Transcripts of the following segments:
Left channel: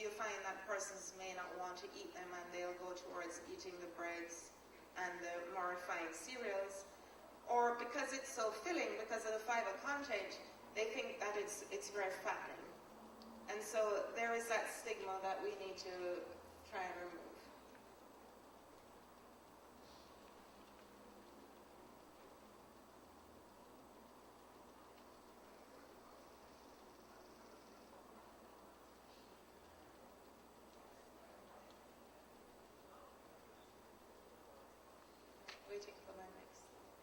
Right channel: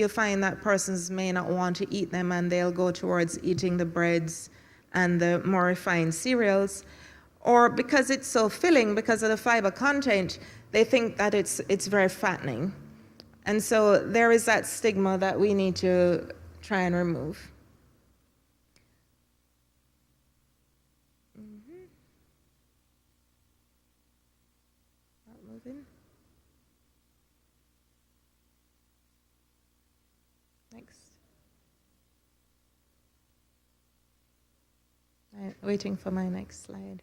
you'll find that persons may not want to eat them and they'll go towards eating the breads and the more refined cereals. Or because it's so filling, because of the fiber content, they think that it's very fattening. And so there is that stigma that we need to try and remove. Waiting for my next slide.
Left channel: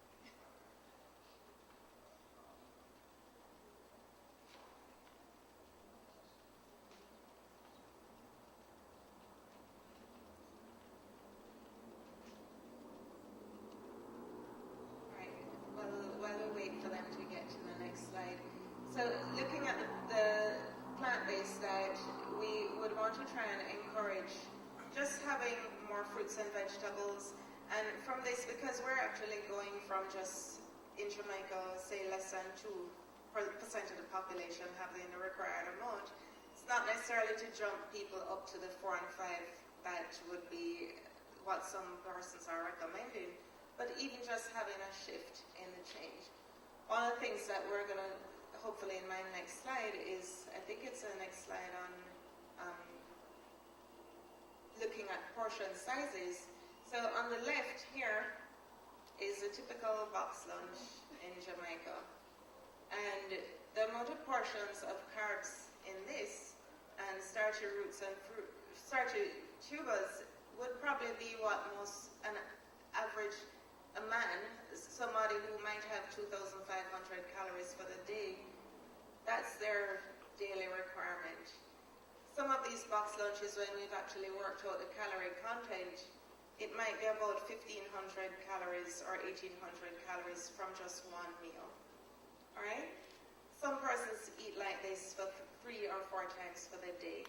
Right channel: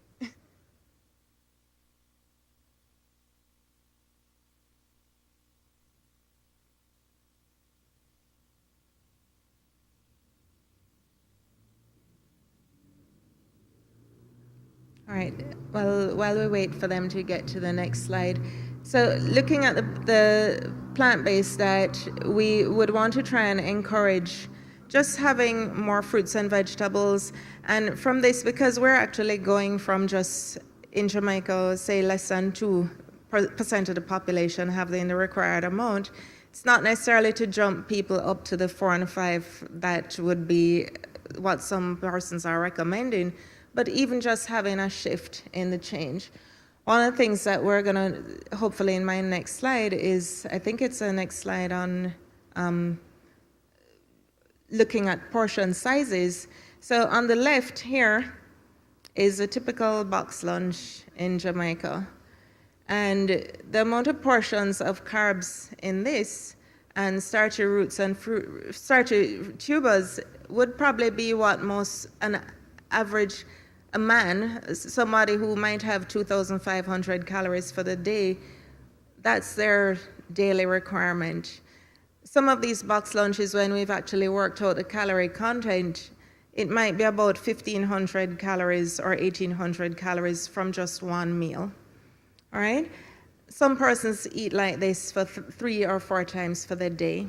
All right, well, while we wait for them to get to the next slide. So looking at the plant-based diet, we would want to try and encourage just having more fruits and vegetables. And from this, because we're actually going from just in Jamaica, say less than 2% of the population having the required amount, it's not necessarily to jump people up to the 4 and 5 that would be what some persons are recommending, but even just having a shift in the change. One of the things that we're going to, hopefully in my next slide is, I think it's the next slide on looking at portion sizes. So on the left here is a typical box lunch in Jamaica. And the amount of portions of carbs in this and starchy roots and starchy tubers would probably be what an average a man, somebody who might have 2,500 calories for the day, that's their daily requirement. Some of these box lunches, when we've actually worked out the calorie content, it might be about 1,500 calories or 1,800 calories from just one meal. All right? Some persons eat like this for 3 or 4 times for the day.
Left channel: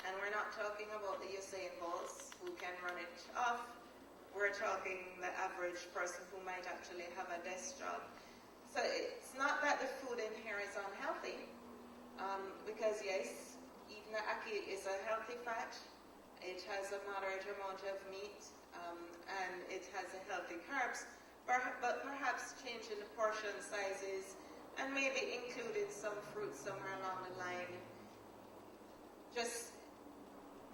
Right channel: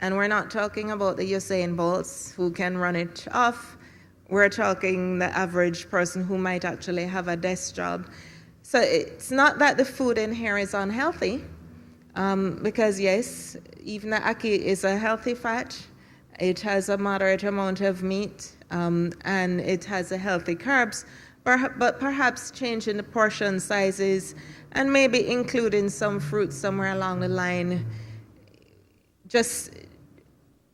And we're not talking about the Usain Bolts who can run it off. We're talking the average person who might actually have a desk job. So it's not that the food in here is unhealthy, because yes, even the ackee is a healthy fat. It has a moderate amount of meat, and it has a healthy carbs, but perhaps changing the portion sizes and maybe including some fruit somewhere along the line, just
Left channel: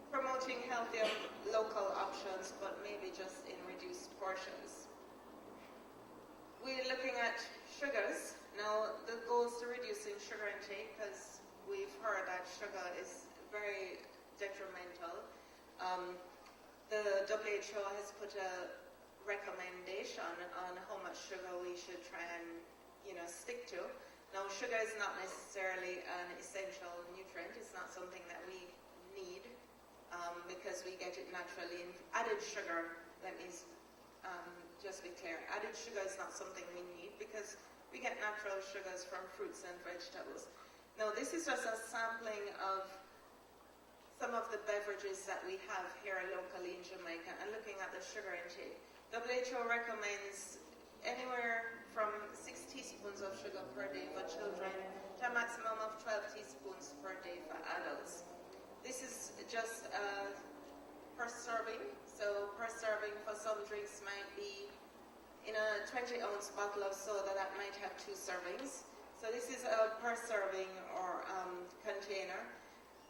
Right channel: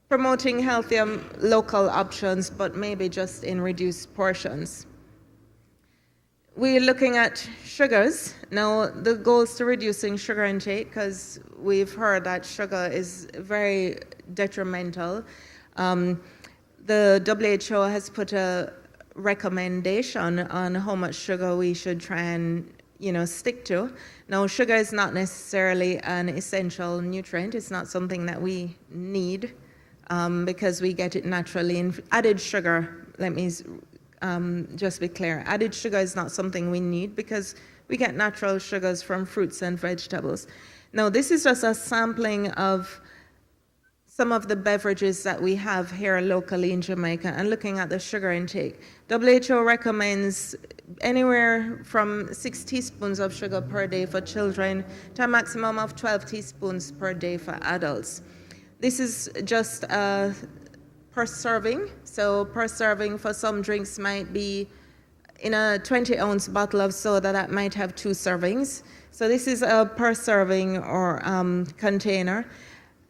promoting healthier local options, but maybe just in reduced portions. We're looking at sugars. Now, the goal is to reducing sugar intake, because we've heard that sugar is very detrimental. The WHO has put a recommendation on how much sugar we should try and stick to. Now, sugar is not necessarily an essential nutrient. It's not something that we need, because we get it naturally. And added sugar, let me just be clear, added sugar is not something we need because we get natural sugars from fruits and vegetables. Now, this is just a sampling of some of the beverages that we have here locally in Jamaica and looking at the sugar intake. WHO recommends anywhere from 6 teaspoons of sugar per day for children to a maximum of 12 teaspoons per day for adults. This is just per serving. So per serving for some drinks might be in a 20-ounce bottle of soda that might have 2 servings. So this is a per serving or container.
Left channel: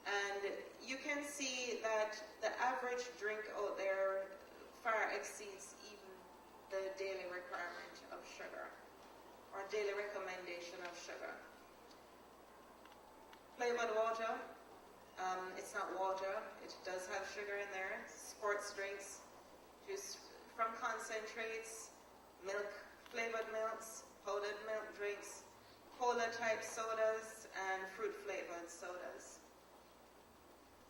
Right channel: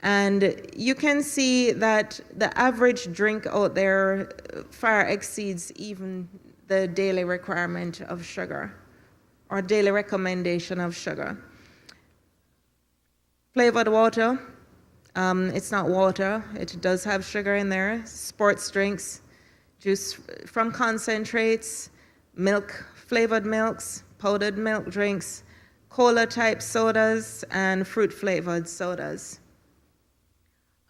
And you can see that the average drink out there far exceeds even the daily requirement of sugar or daily recommendation of sugar. Flavored water. It's not water, it does have sugar in there. Sports drinks, juice from concentrates, milk, flavored milks, powdered milk drinks, cola type sodas, and fruit flavored sodas.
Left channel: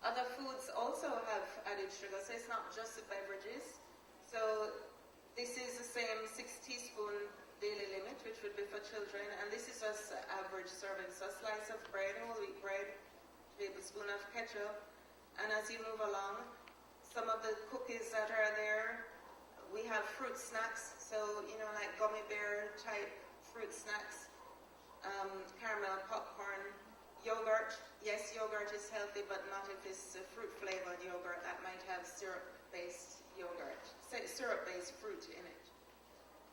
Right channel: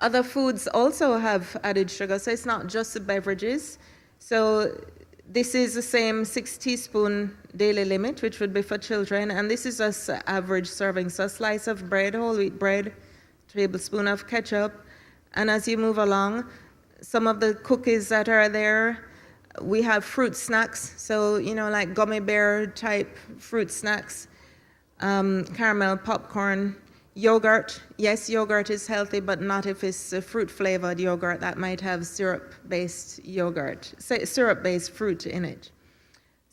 Other foods also have added sugar, so it's not just the beverages. So this is the same 6 teaspoon daily limit, which would be for children, and this is just average serving. So a slice of bread, whole wheat bread, tablespoon of ketchup, and as you move along, some of the cookies that are there, we have fruit snacks, so like gummy bear type fruit snacks, caramel popcorn. Yogurt, yes, yogurt is healthy, but not if it's a fruit-flavored yogurt that might have syrup-based fruit in it.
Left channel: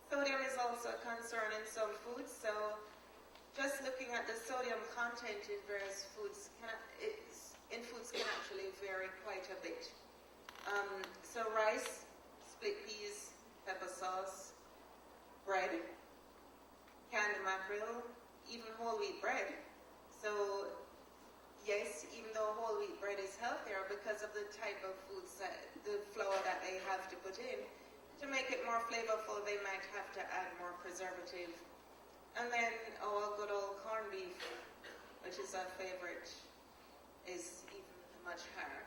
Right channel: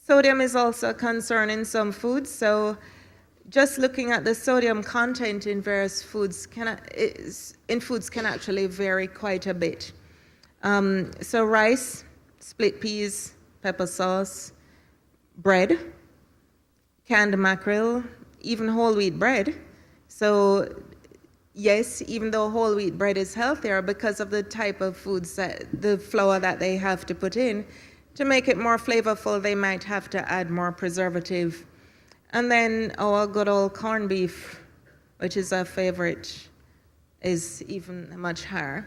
Sodium is also a concern in some foods, so just looking at the sodium content in various foods can actually vary quite a bit. So rice, split peas, pepper sauce, bread, canned mackerel, even whole wheat bread. So yes, even though whole wheat bread is healthier, because of the type of foods the flour that they have to put in, to make it more flavorful, they might have to add more preservative. And then our good old corned beef, which is our favorite, is even much higher.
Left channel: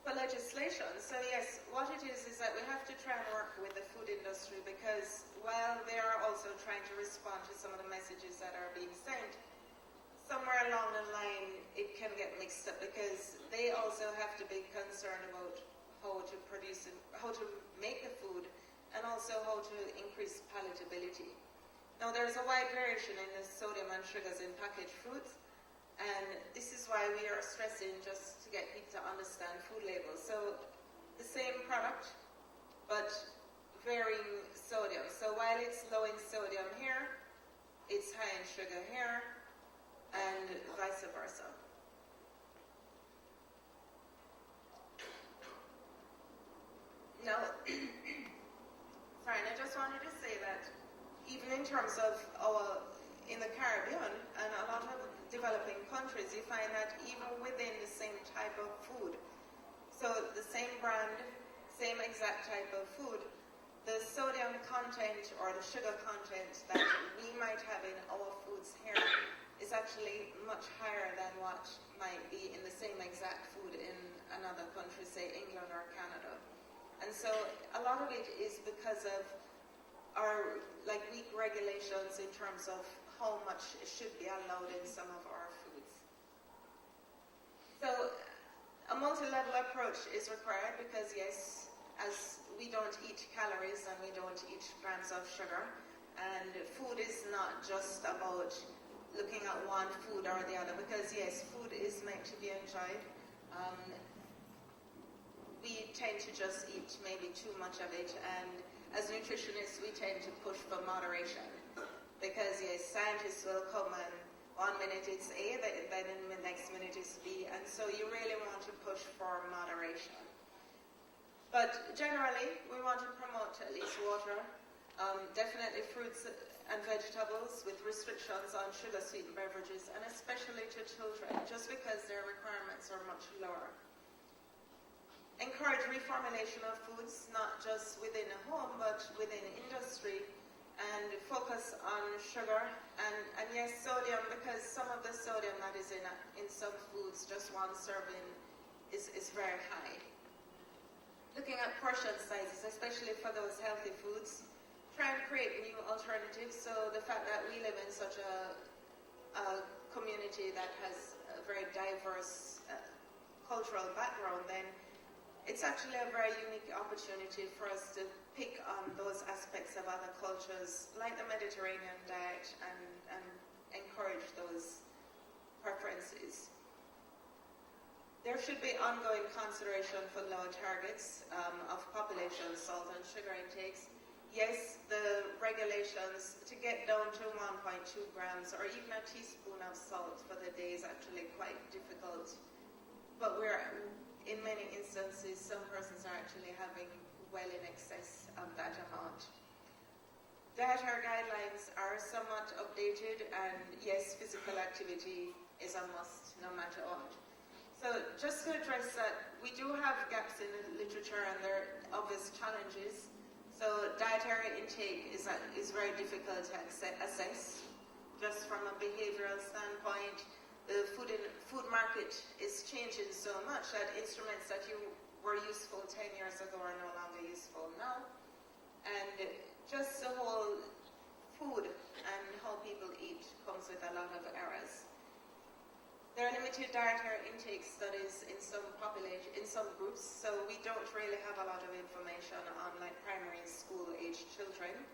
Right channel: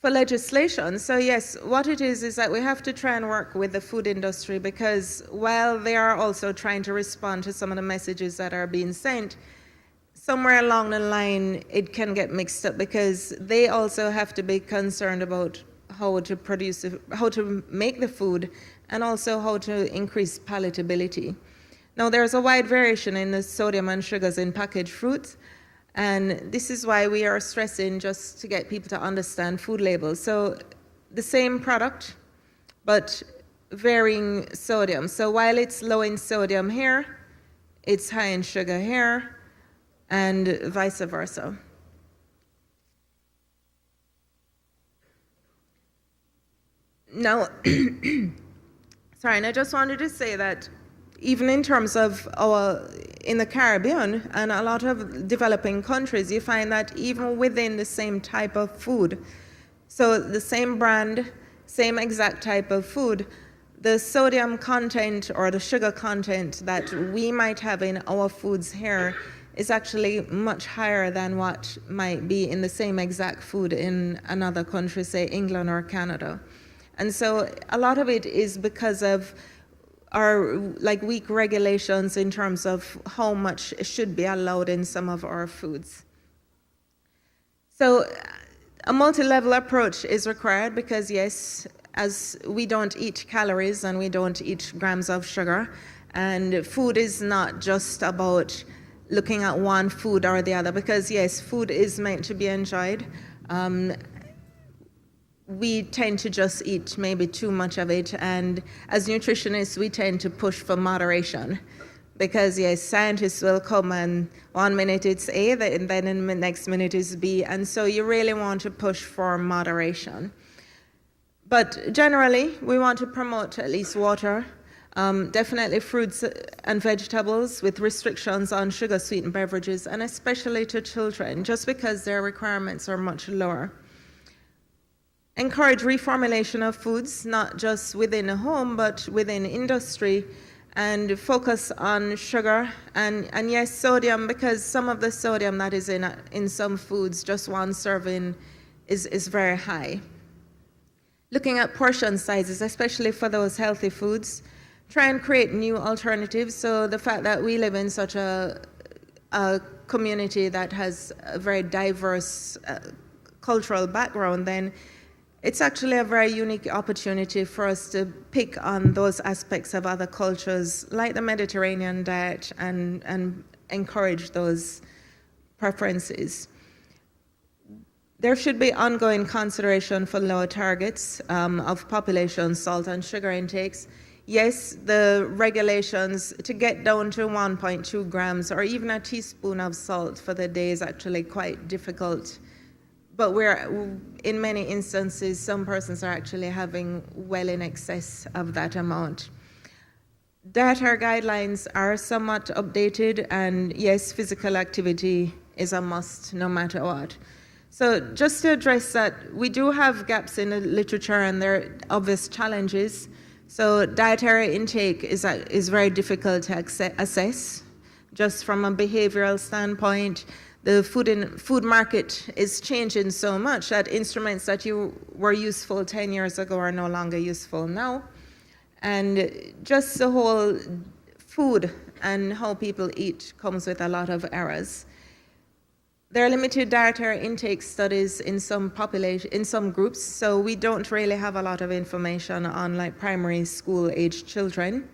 For legislation, so yes, what it is that we have to try and work with the food industry, because while they are also trying to respond to some of the messages that are being sent, somewhere along the line it can get mixed up, because they also have to be concerned about how to produce, how to make the food, and also how to increase palatability. Now, there's a wide variation in the sodium and sugars in packaged fruits, and this is why we are stressing just to get people to understand food labels. So the same product, but varying sodium. So while it's low in sodium here, it's high in sugar here, and vice versa. Now, sorry, and I just wanted to say that even in terms of in the Caribbean and a lot of developing countries, you find that even within the same type of food, so the same brand, same exact type of food, the sodium content or the sugar content that we might have in our foods here is actually much higher than what might be in the same exact food in another country, say England or Canada. And so a lot of it is because of our weak regulations in terms of how much should be allowed in some of our foods. So a multi-level approach is required, because yes, as we don't eat calories and we don't eat grams of sugar, and food is not just about looking at one food or the other, because yes, food is meant to be enjoyed. We tend to just eat maybe too much of it, and as nutritionists we tend to push for moderation, because yes, scientists will come and 1 minute it's A, and then in the next minute is B, and so you really want to push for moderation. But generally we want to promote at least water, definitely fruits and vegetables, with restrictions on sugar sweetened beverages, and especially to children, just because their requirements are much lower. Encourage reformulation of foods, not just within a home, but within industry, and focus on sugar and yes, sodium, because some of the sodium that is in some foods, just one serving is very high. Looking at portion sizes, especially for those healthy foods, try and create new alternatives. So the fact that we live in such a community that has a very diverse cultural background, then it's actually a very unique opportunity for us to pick on those aspects of other cultures, like the Mediterranean diet, and encourage those preferences. There should be ongoing consideration for lower targets of population salt and sugar intakes. Yes, the regulations to get down to 1.2 grams or even a teaspoon of salt for the day is actually quite difficult. But in many instances, some persons are actually having well in excess of that amount. Dietary guidelines are somewhat updated, and yes, physical activity is a must no matter what. So just to address that, we do have gaps in the literature, and there are obvious challenges. So dietary intake is very difficult to assess, just from a behavioral standpoint. The food market is changing so much that instruments that were useful 10 years ago are no longer useful now. And just the whole food and how people eat comes with a lot of errors. There are limited dietary intake studies in some groups, so we don't really have a lot of information on primary school age children.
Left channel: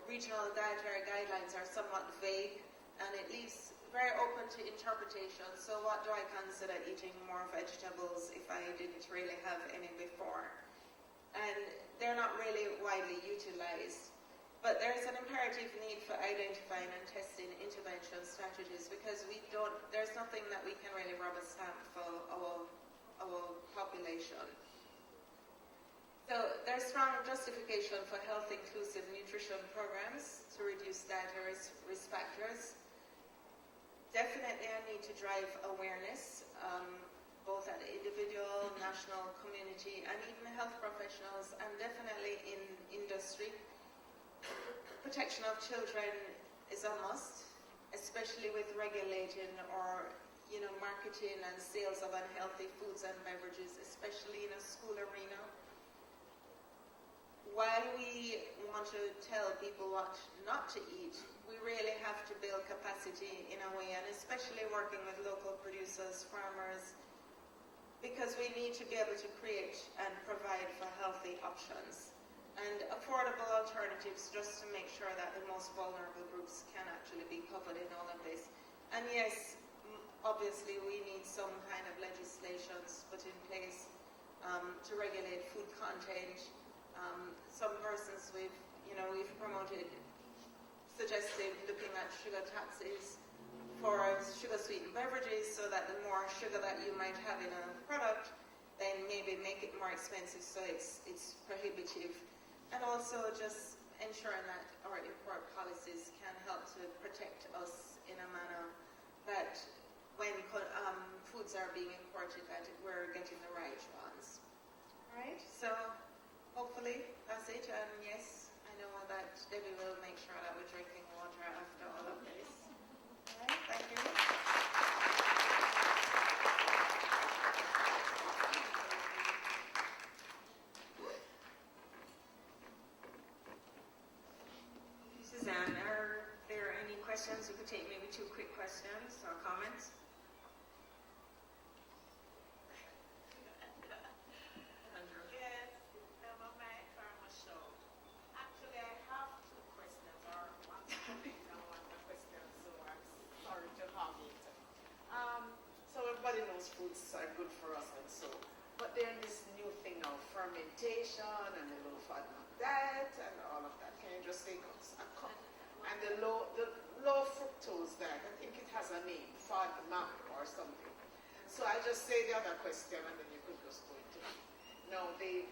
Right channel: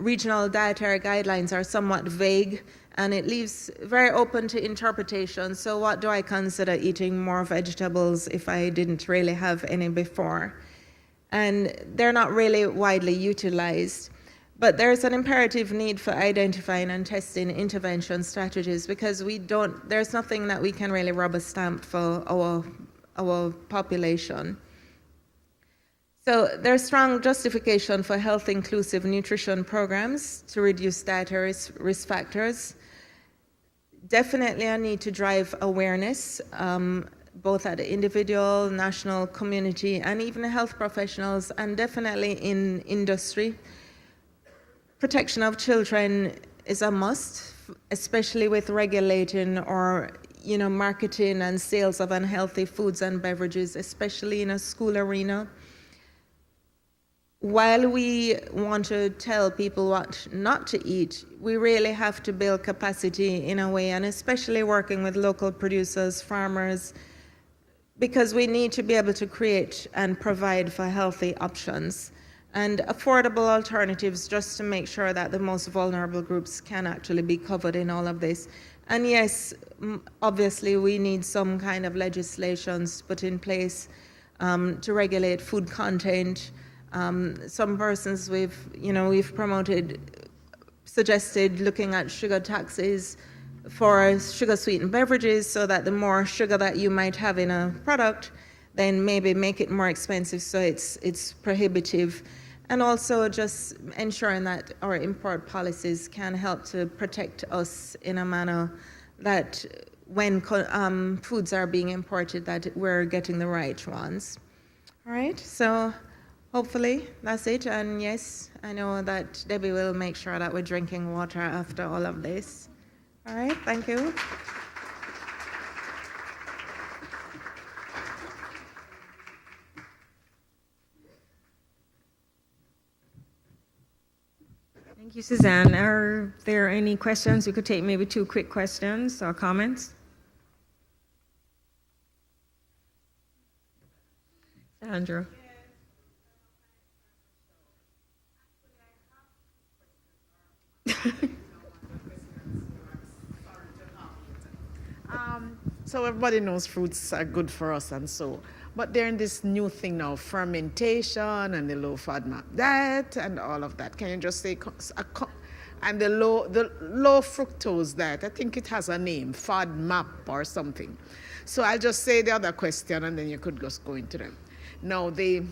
Regional dietary guidelines are somewhat vague, and it leaves very open to interpretation. So what do I consider eating more vegetables if I didn't really have any before? And they're not really widely utilized. But there's an imperative need for identifying and testing intervention strategies, because there's nothing that we can really rubber stamp for our population. So there's strong justification for health inclusive nutrition programs to reduce dietary risk factors. Definitely a need to drive awareness, both at the individual, national, community, and even health professionals, and definitely in industry. Protection of children is a must, especially with regulating or marketing and sales of unhealthy foods and beverages, especially in a school arena. While we want to tell people what not to eat, we really have to build capacity in a way, and especially working with local producers, farmers, because we need to be able to create and provide for healthy options and affordable alternatives, just to make sure that the most vulnerable groups can actually be covered in all of this. And yes, obviously we need some kind of legislations put in place to regulate food content. Some persons we've suggested looking at sugar taxes for sugar sweetened beverages, so that the more sugar that you might have in a product, then maybe make it more expensive, so it's prohibitive. And also just ensuring that our import policies can help to protect us in a manner that when foods are being imported, that we're getting the right ones. All right, so hopefully that's it. And yes, I know that Debbie will make sure that we're drinking water after all of this. All right, thank you. Thank you, Suzanne. Are there any questions? We could take maybe 2 quick questions or comments. Andrew. So everybody knows fruits are good for us, and so, but they're in this new thing now, fermentation and the low FODMAP diet and all of that. Can you just say, and the low fructose diet? I think it has a name, FODMAP or something. So I'll just say the other question, and then you could just go into them. Now the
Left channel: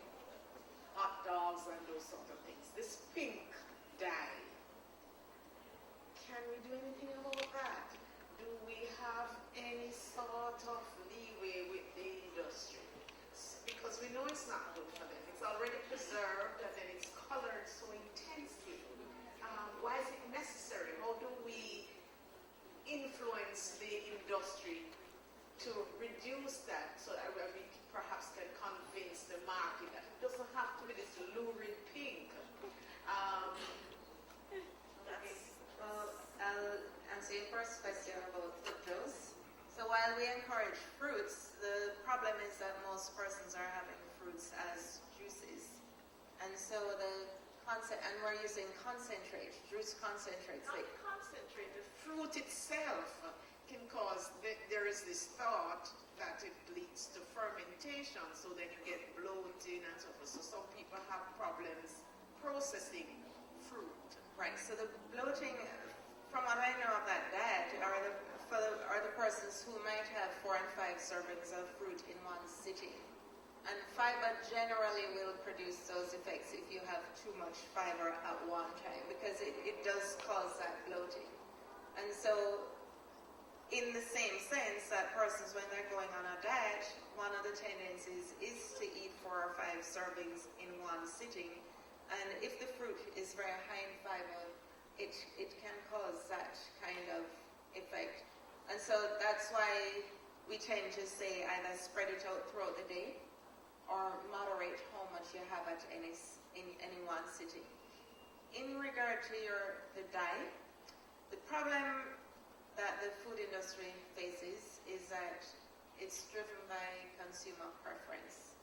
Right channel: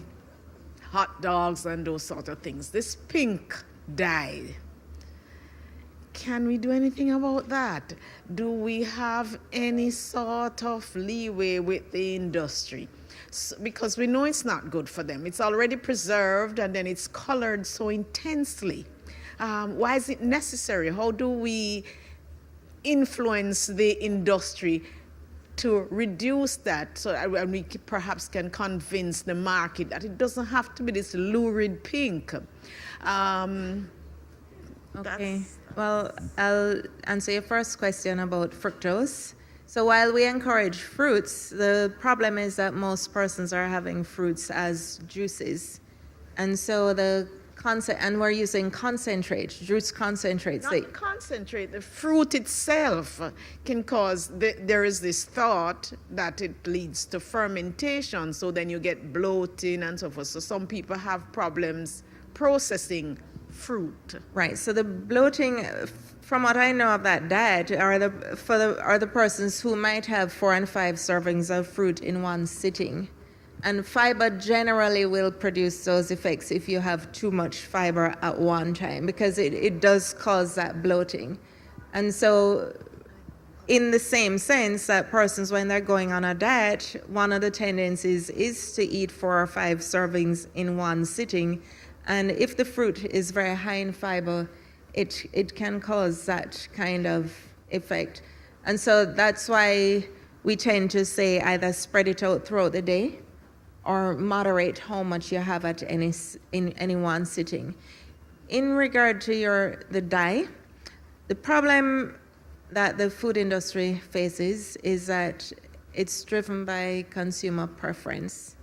hot dogs and those sort of things. This pink dye. Can we do anything about that? Do we have any sort of leeway with the industry? Because we know it's not good for them. It's already preserved and then it's colored so intensely. Why is it necessary? How do we influence the industry to reduce that, so that we perhaps can convince the market that it doesn't have to be this lurid pink? Okay. Well, I'll answer your first question about fructose. So while we encourage fruits, the problem is that most persons are having fruits as juices. And so and we're using concentrate, juice concentrates. Not concentrate, the fruit itself can cause, there is this thought that it leads to fermentation, so then you get bloating and so forth. So some people have problems processing fruit. Right. So the bloating, from what I know of that diet, are the persons who might have 4 and 5 servings of fruit in one sitting. And fiber generally will produce those effects if you have too much fiber at one time, because it does cause that bloating. And so in the same sense that persons, when they're going on a diet, one of the tendencies is to eat 4 or 5 servings in one sitting. And if the fruit is very high in fiber, it can cause that kind of effect. And so that's why we tend to say either spread it out throughout the day or moderate how much you have at in any one sitting. In regard to the dye, the problem that the food industry faces is that it's driven by consumer preference.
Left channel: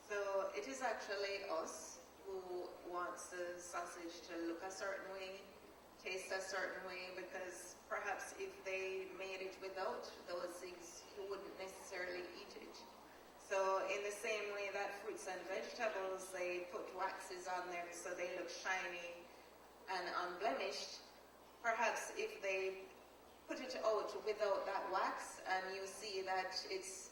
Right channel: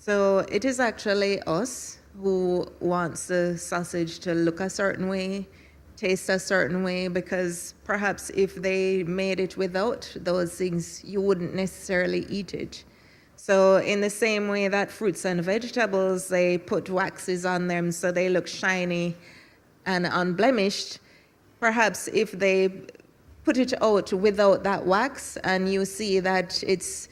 So it is actually us who wants the sausage to look a certain way, taste a certain way, because perhaps if they made it without those things, you wouldn't necessarily eat it. So in the same way that fruits and vegetables, they put waxes on them so they look shiny and unblemished, perhaps if they put it out without that wax and you see that it's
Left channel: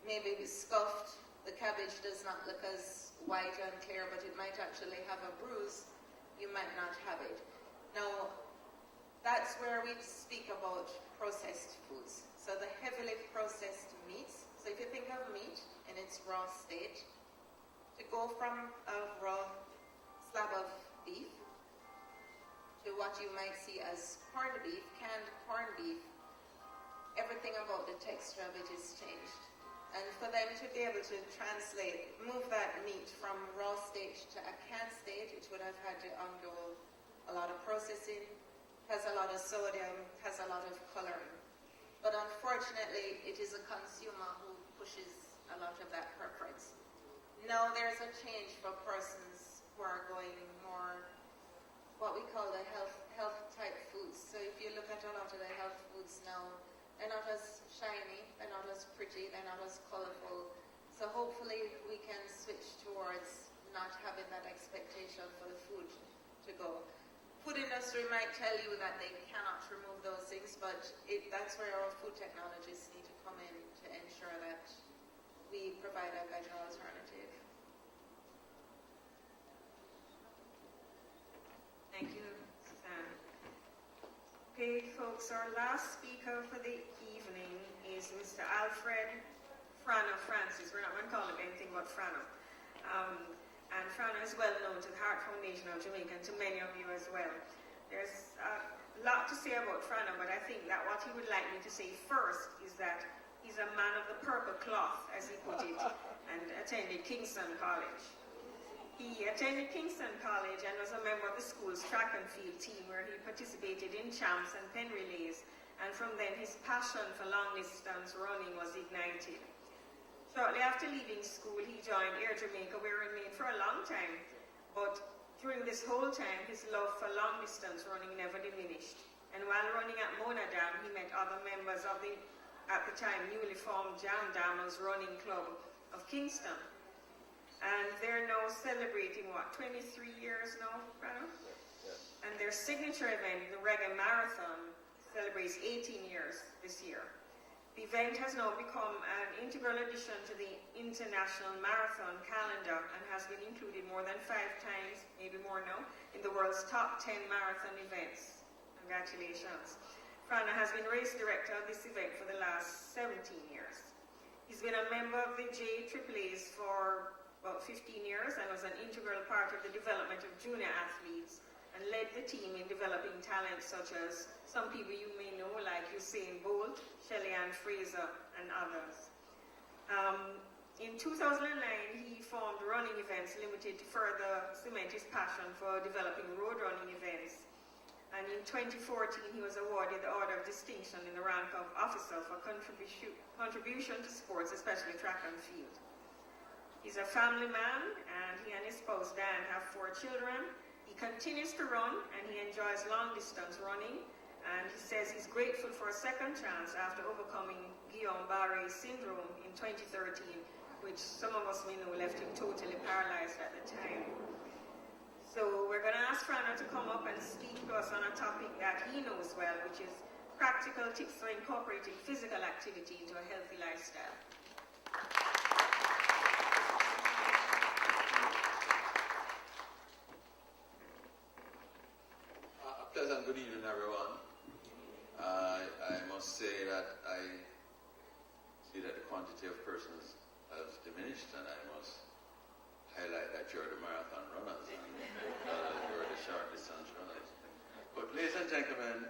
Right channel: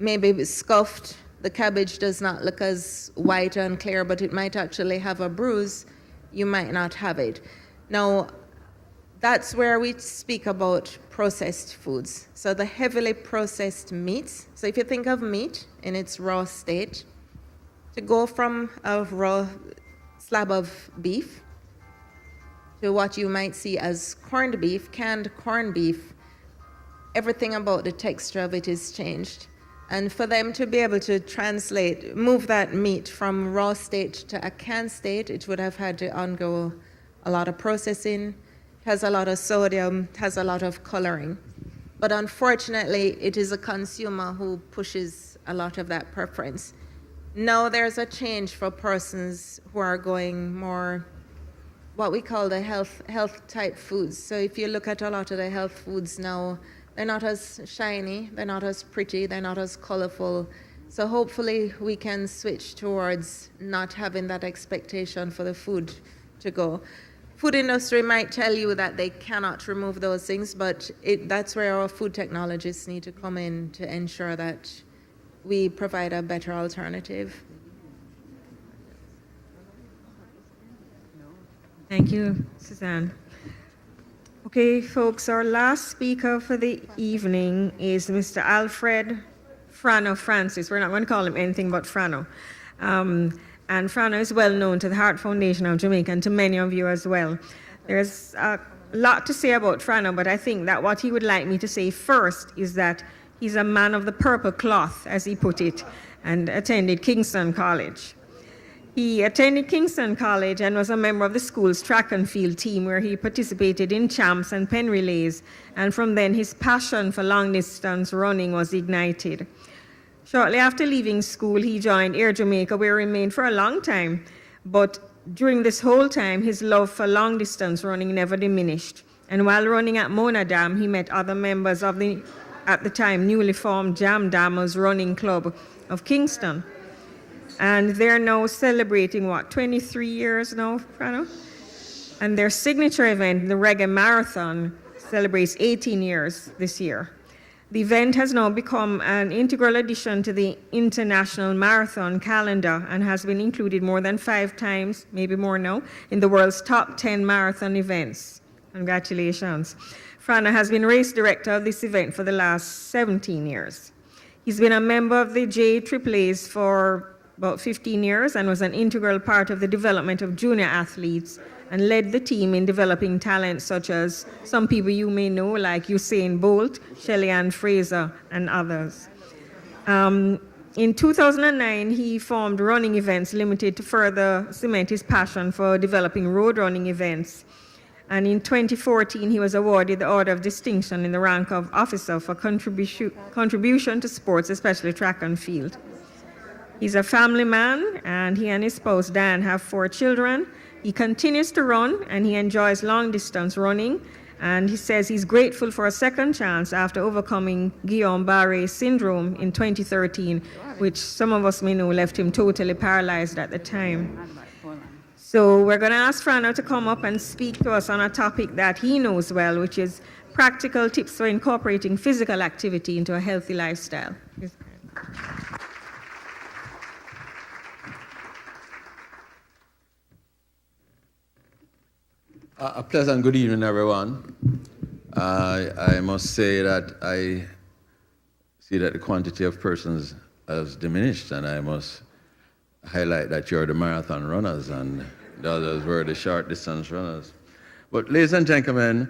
maybe scuffed, the cabbage does not look as white and clear, but it might actually have a bruise, you might not have it. Now, that's where we speak about processed foods. So the heavily processed meats. So if you think of meat in its raw state, to go from a raw slab of beef to what you might see as corned beef, canned corned beef, everything about the texture of it is changed. And for them to be able to move that meat from raw state to a canned state, it would have had to undergo a lot of processing, has a lot of sodium, has a lot of coloring. But unfortunately, it is a consumer who pushes a lot of that preference. Now there's a change for persons who are going more what we call the health type foods. So if you look at a lot of the health foods now, they're not as shiny, they're not as pretty, they're not as colorful. So hopefully we can switch towards not having that expectation for the food to go. Food industry might tell you that they cannot remove those things, but that's where our food technologists need to come in to ensure that we provide a better alternative. Thank you, Suzanne. Okay, folks, our last speaker for the evening is Mr. Alfred Frano Francis. We're not going to call him anything but Frano. And Frano is well known to the Heart Foundation of Jamaica and to many of you as well. There's a lot to say about Frano, but I think that what he would like me to say first is that he's a man of the purple cloth, as he put it, and attended Kingston College. He attended Kingston College and was a member of the school's track and field team, where he participated in champs and pen relays, and from then his passion for long-distance running was ignited. Shortly after leaving school, he joined Air Jamaica, where he remained for a long time, but during this whole time, his love for long-distance running never diminished. And while running at Mona Dam, he met other members of the, at the time, newly formed Jam Dammers Running Club of Kingston. And they're now celebrating, 23 years now, Frano? And their signature event, the Reggae Marathon, celebrates 18 years this year. The event has now become an integral addition to the international marathon calendar and has been included more than 5 times, maybe more now, in the world's top 10 marathon events. Congratulations. Frano has been race director of this event for the last 17 years. He's been a member of the JAAAs for about 15 years and was an integral part of the development of junior athletes and led the team in developing talents such as some people you may know, like Usain Bolt, Shelly Ann Fraser, and others. In 2009, he formed Running Events Limited to further cement his passion for developing road running events. And in 2014, he was awarded the Order of Distinction in the rank of Officer for contribution to sports, especially track and field. He's a family man, and he and his spouse, Dan, have 4 children. He continues to run, and he enjoys long-distance running. And he says he's grateful for a second chance after overcoming Guillain-Barré syndrome in 2013, which some of us may know left him totally paralyzed at the time. So we're going to ask Frano to come up and speak to us on a topic that he knows well, which is practical tips for incorporating physical activity into a healthy lifestyle. A pleasant good evening, everyone. I must say that I see that the quantity of persons has diminished, and I must highlight that you're the marathon runners and the others were the short distance runners. But ladies and gentlemen,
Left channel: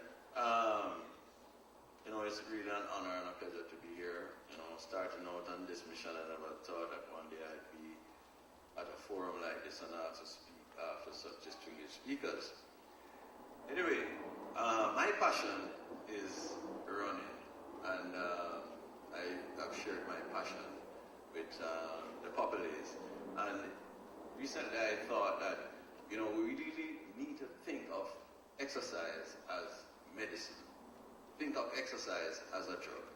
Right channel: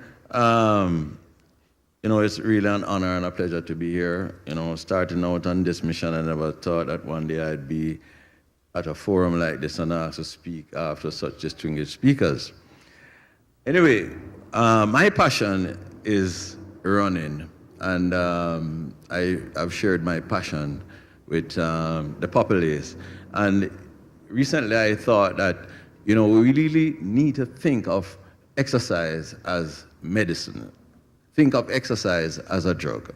it's really an honor and a pleasure to be here. Starting out on this mission, I never thought that one day I'd be at a forum like this and asked to speak after such distinguished speakers. Anyway, my passion is running, and I've shared my passion with the populace. And recently I thought that, we really need to think of exercise as medicine. Think of exercise as a drug.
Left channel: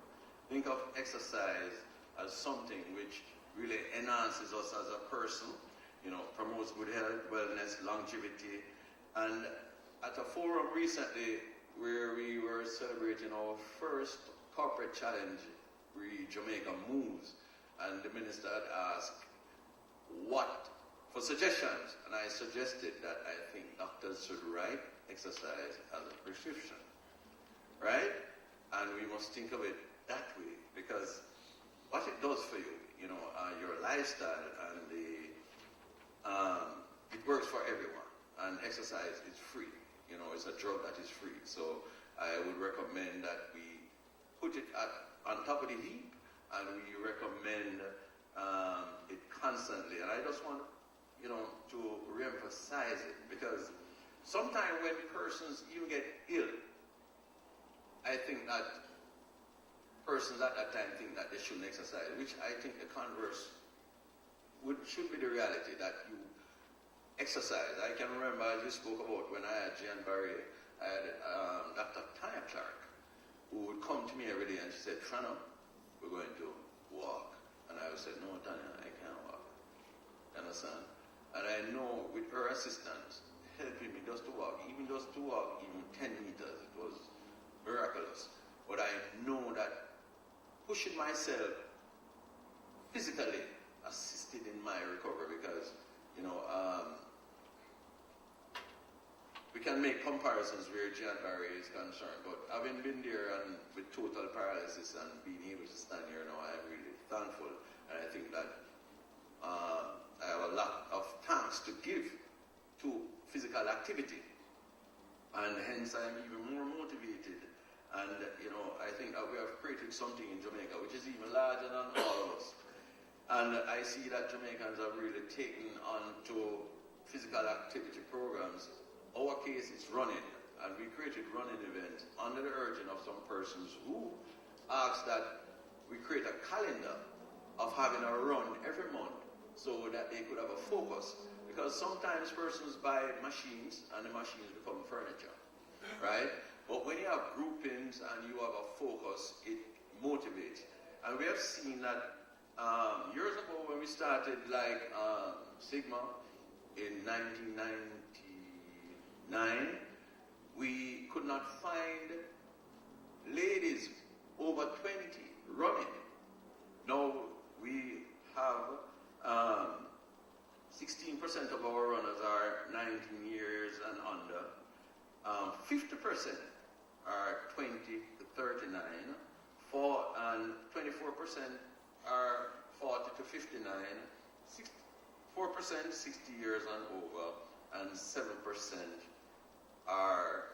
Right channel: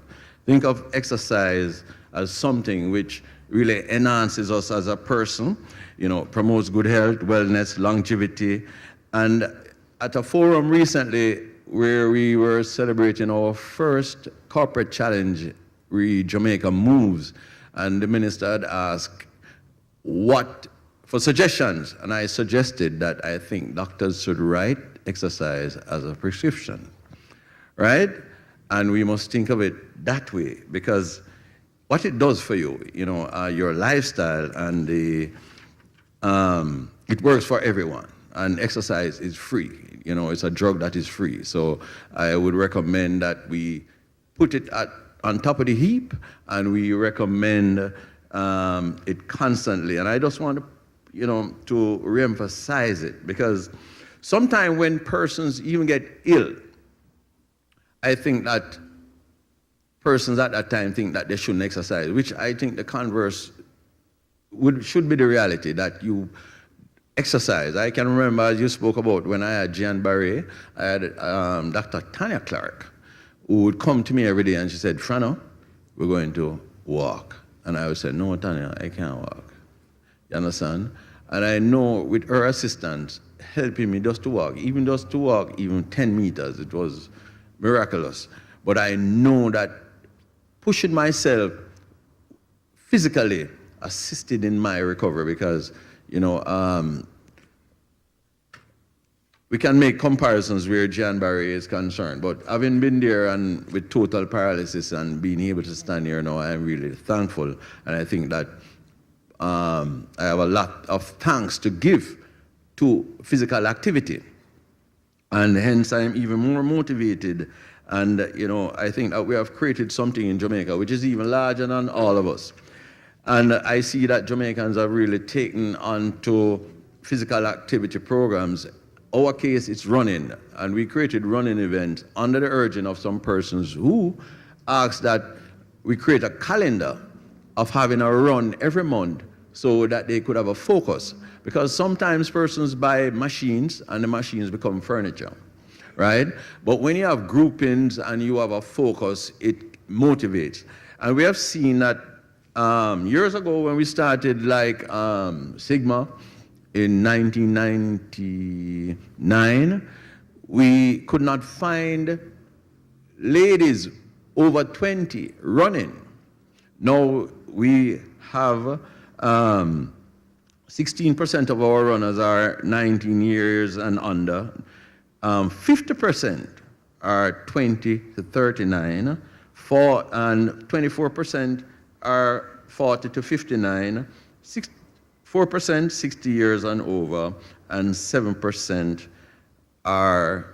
Think of exercise as something which really enhances us as a person, promotes good health, wellness, longevity. And at a forum recently where we were celebrating our first corporate challenge, Jamaica Moves, and the minister had asked for suggestions, and I suggested that I think doctors should write exercise as a prescription, right? And we must think of it that way, because what it does for you, your lifestyle, and it works for everyone. And exercise is free. It's a drug that is free. So I would recommend that we put it on top of the heap, and we recommend it constantly. And I just want to reemphasize it, because sometimes when persons even get ill, I think that persons at that time think that they shouldn't exercise, which I think the converse should be the reality, that you exercise. I can remember, as you spoke about, when I had Jean Barret, I had Dr. Tanya Clark, who would come to me every day and she said, Frano, we're going to walk. And I would say, no, Tanya, I can't walk. You understand? And I know with her assistance helping me just to walk, even 10 meters, it was miraculous. But I know that pushing myself physically assisted in my recovery, because, we can make comparisons where Jean Barret is concerned, but having been there and with total paralysis and being able to stand here now, I'm really thankful. And I think that I have a lot of thanks to give to physical activity. And hence I'm even more motivated. And, I think that we have created something in Jamaica which is even larger than all of us. And I see that Jamaicans have really taken on to physical activity programs. Our case, it's running, and we created running events under the urging of some persons who asked that we create a calendar of having a run every month so that they could have a focus. Because sometimes persons buy machines and the machines become furniture, right? But when you have groupings and you have a focus, it motivates. And we have seen that years ago when we started like Sigma, in 1999, we could not find ladies over 20 running. Now we have 16% of our runners are 19 years and under. 50% are 20 to 39, and 24% are 40 to 59, 4% 60 years and over, and 7% are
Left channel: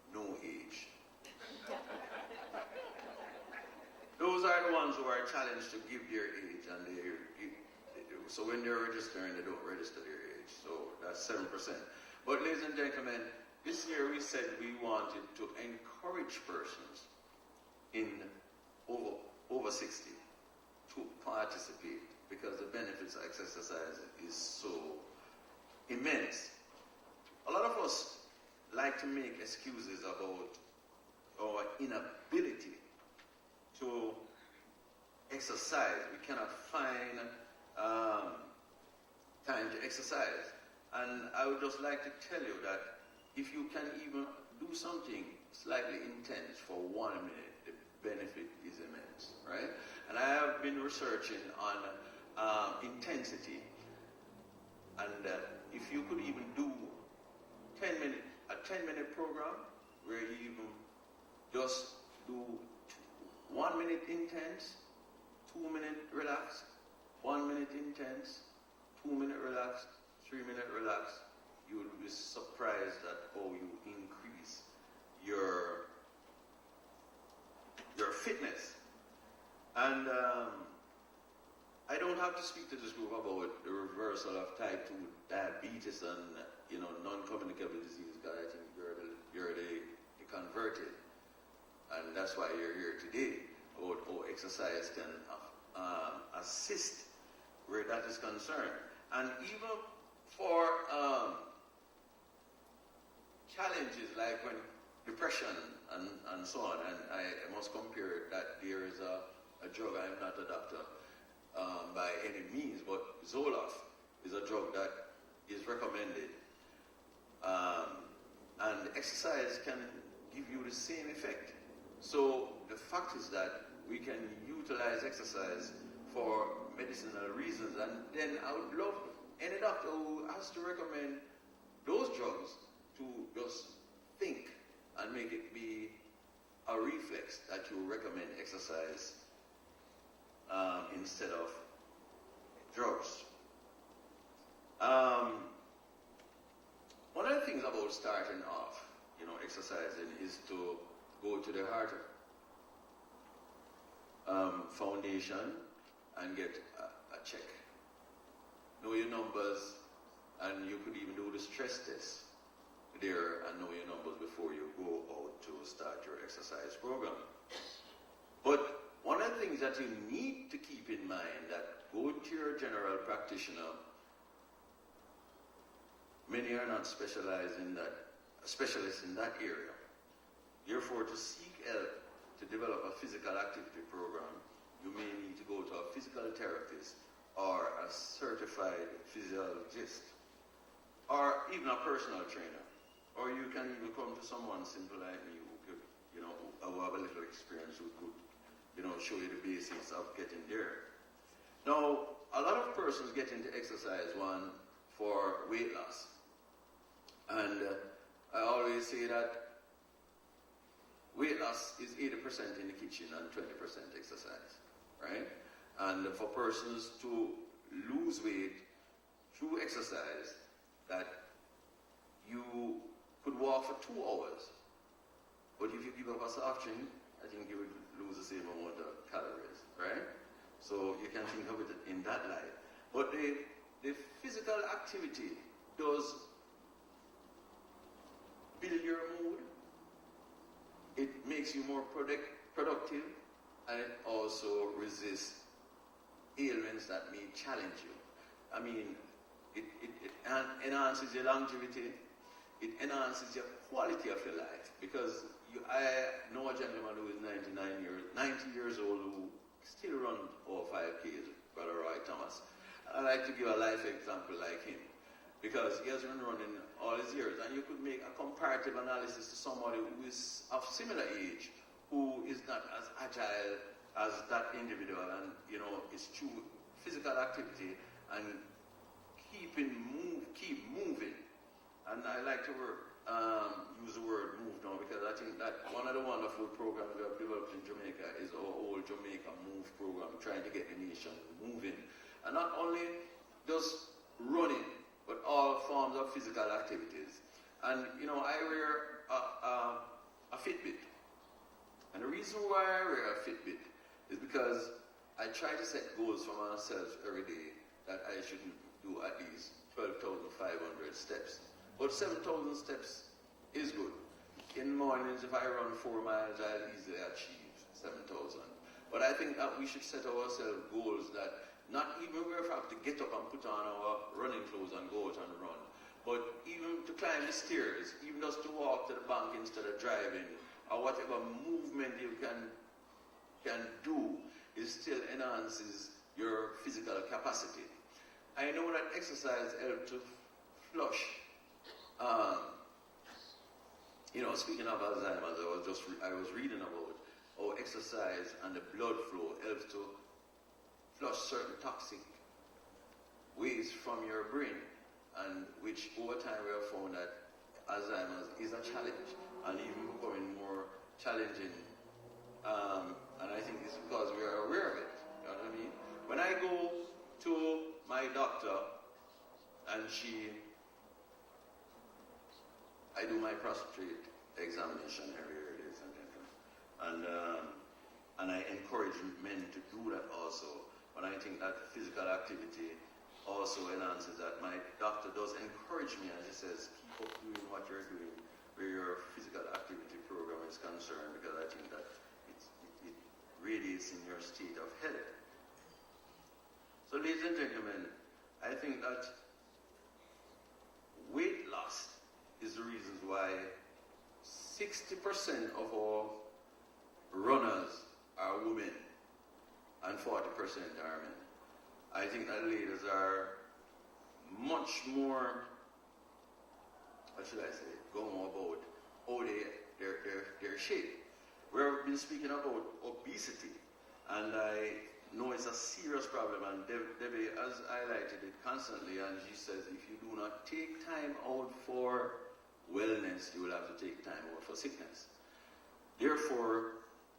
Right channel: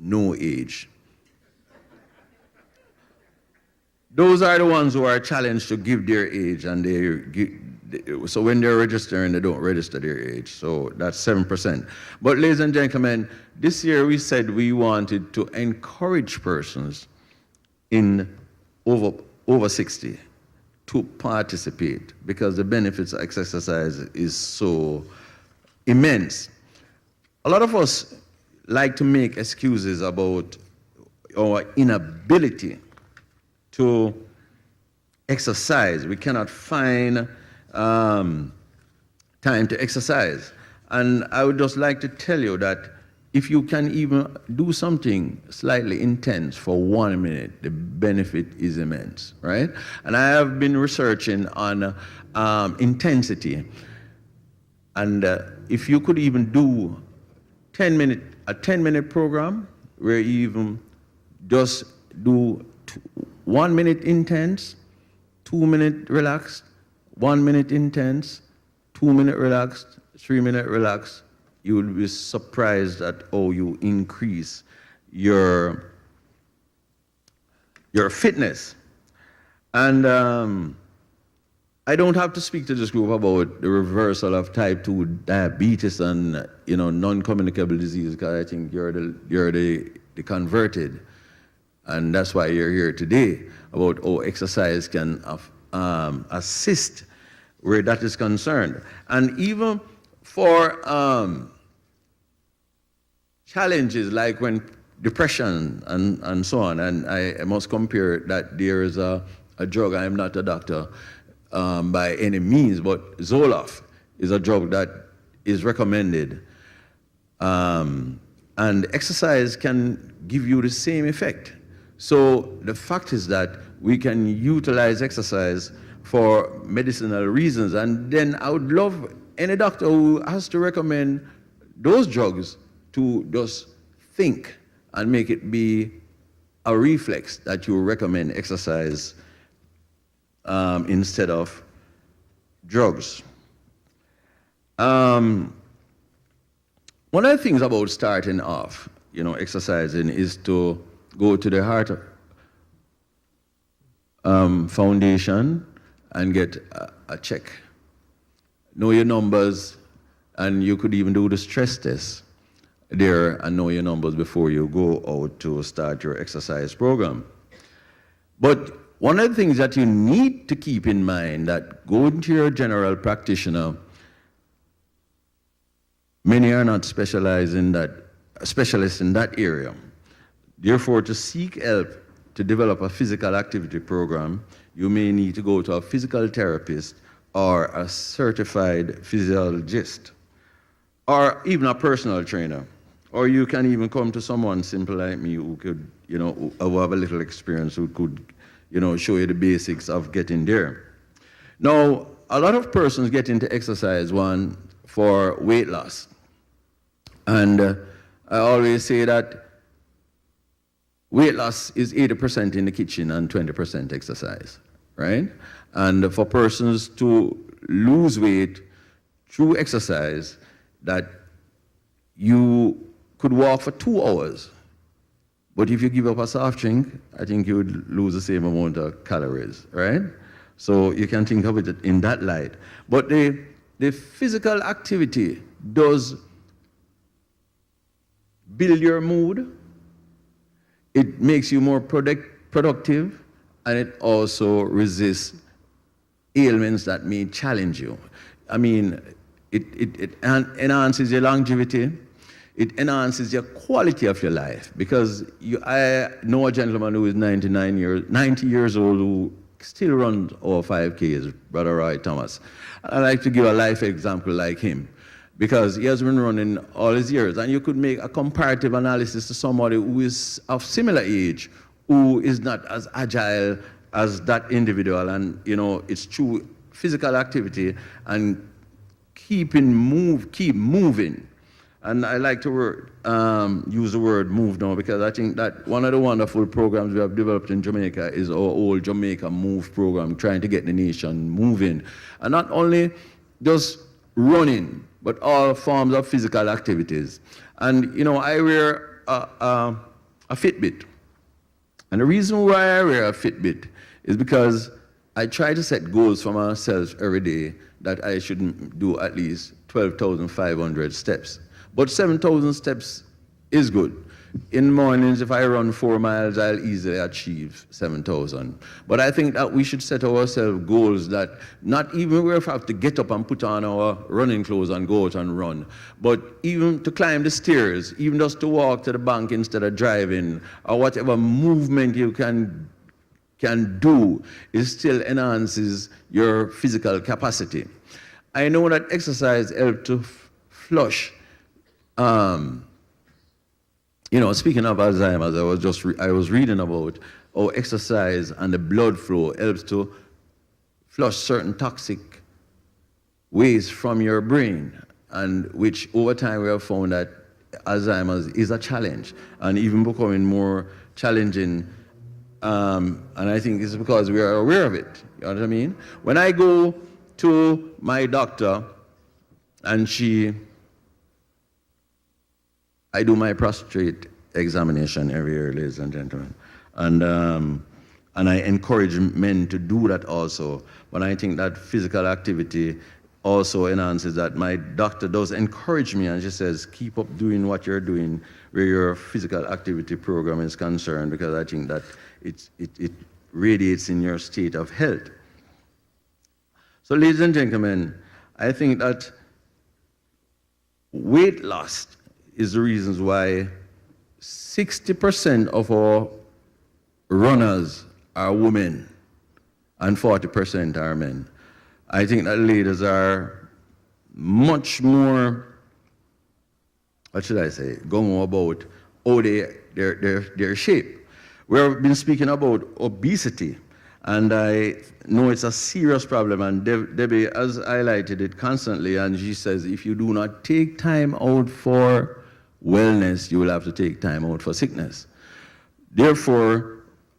no age. Those are the ones who are challenged to give their age, and so when they're registering, they don't register their age. So that's 7%. But ladies and gentlemen, this year we said we wanted to encourage persons in over 60 to participate, because the benefits of exercise is so immense. A lot of us like to make excuses about our inability to exercise. We cannot find time to exercise. And I would just like to tell you that if you can even do something slightly intense for 1 minute, the benefit is immense, right? And I have been researching on intensity. And if you could even do a 10-minute program where you even just do 1 minute intense, 2 minute relaxed, 1 minute intense, 2 minute relaxed, 3 minute relaxed, you will be surprised at how you increase your fitness. And I don't have to speak to this group about the reversal of type 2 diabetes and non-communicable disease, because I think you're the converted, and that's why you're here today, about how exercise can assist where that is concerned. And even for challenges like when depression and so on, and I must compare that there is a drug, I'm not a doctor by any means, but Zoloft is a drug that is recommended. And exercise can give you the same effect. So the fact is that we can utilize exercise for medicinal reasons. And then I would love any doctor who has to recommend those drugs to just think and make it be a reflex that you recommend exercise instead of drugs. One of the things about starting off, exercising is to go to the heart foundation and get a check. Know your numbers, and you could even do the stress test there and know your numbers before you go out to start your exercise program. But one of the things that you need to keep in mind that going to your general practitioner, many are not specialists in that area. Therefore, to seek help to develop a physical activity program, you may need to go to a physical therapist or a certified physiologist, or even a personal trainer. Or you can even come to someone simple like me who could, who have a little experience, who could, show you the basics of getting there. Now, a lot of persons get into exercise, one, for weight loss. And I always say that weight loss is 80% in the kitchen and 20% exercise, right? And for persons to lose weight through exercise, that you could walk for 2 hours. But if you give up a soft drink, I think you would lose the same amount of calories, right? So you can think of it in that light. But the physical activity does build your mood, it makes you more productive, and it also resists ailments that may challenge you. I mean, it enhances your longevity, it enhances your quality of your life, because I know a gentleman who is 90 years old who still runs over 5Ks, Brother Roy Thomas. I like to give a life example like him, because he has been running all his years, and you could make a comparative analysis to somebody who is of similar age, who is not as agile as that individual, and it's through physical activity and keep moving. And I like to use the word move now, because I think that one of the wonderful programs we have developed in Jamaica is our old Jamaica Move program, trying to get the nation moving. And not only just running, but all forms of physical activities. And, I wear a Fitbit. And the reason why I wear a Fitbit is because I try to set goals for myself every day that I should do at least 12,500 steps. But 7,000 steps is good. In the mornings, if I run 4 miles, I'll easily achieve 7,000. But I think that we should set ourselves goals that not even we have to get up and put on our running clothes and go out and run, but even to climb the stairs, even just to walk to the bank instead of driving, or whatever movement you can do, it still enhances your physical capacity. I know that exercise helps to flush. Speaking of Alzheimer's, I was reading about how exercise and the blood flow helps to flush certain toxic waste from your brain, and which over time we have found that Alzheimer's is a challenge, and even becoming more challenging. And I think it's because we are aware of it. You know what I mean? When I go to my doctor, and I do my prostate examination every year, ladies and gentlemen. And I encourage men to do that also. But I think that physical activity also enhances that. My doctor does encourage me, and she says, keep up doing what you're doing where your physical activity program is concerned, because I think that it radiates in your state of health. So, ladies and gentlemen, I think that weight loss is the reasons why 60% of our runners are women and 40% are men. I think that ladies are much more, what should I say, going about how their shape. We've been speaking about obesity, and I know it's a serious problem, and Debbie has highlighted it constantly, and she says if you do not take time out for wellness, you will have to take time out for sickness. Therefore,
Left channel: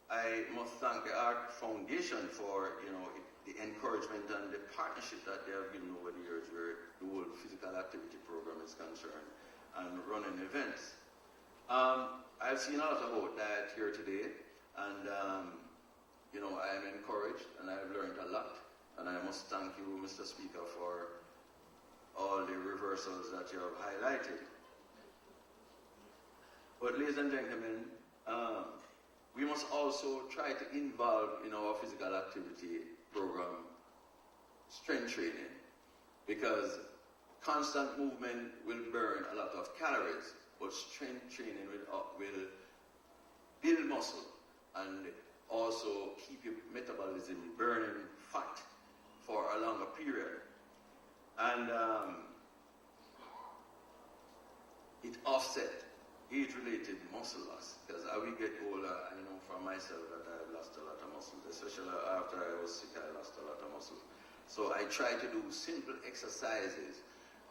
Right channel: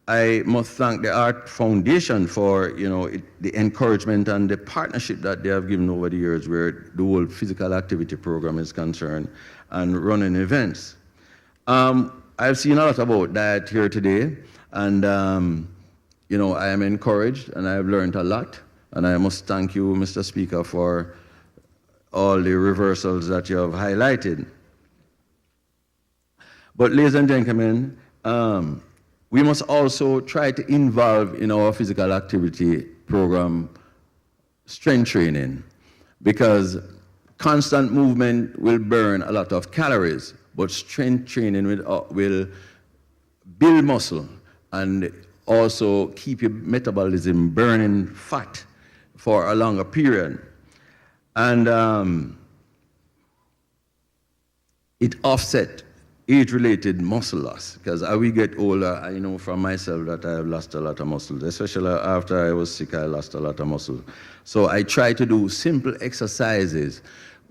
I must thank the Art Foundation for the encouragement and the partnership that they have given over the years where the whole physical activity program is concerned and running events. I've seen a lot about diet here today, and I am encouraged and I've learned a lot, and I must thank you, Mr. Speaker, for all the reversals that you have highlighted. But ladies and gentlemen, we must also try to involve in our physical activity program strength training, because constant movement will burn a lot of calories, but strength training will build muscle and also keep your metabolism burning fat for a longer period. And it offsets age-related muscle loss, because as we get older, I know from myself that I have lost a lot of muscle, especially after I was sick, I lost a lot of muscle. So I try to do simple exercises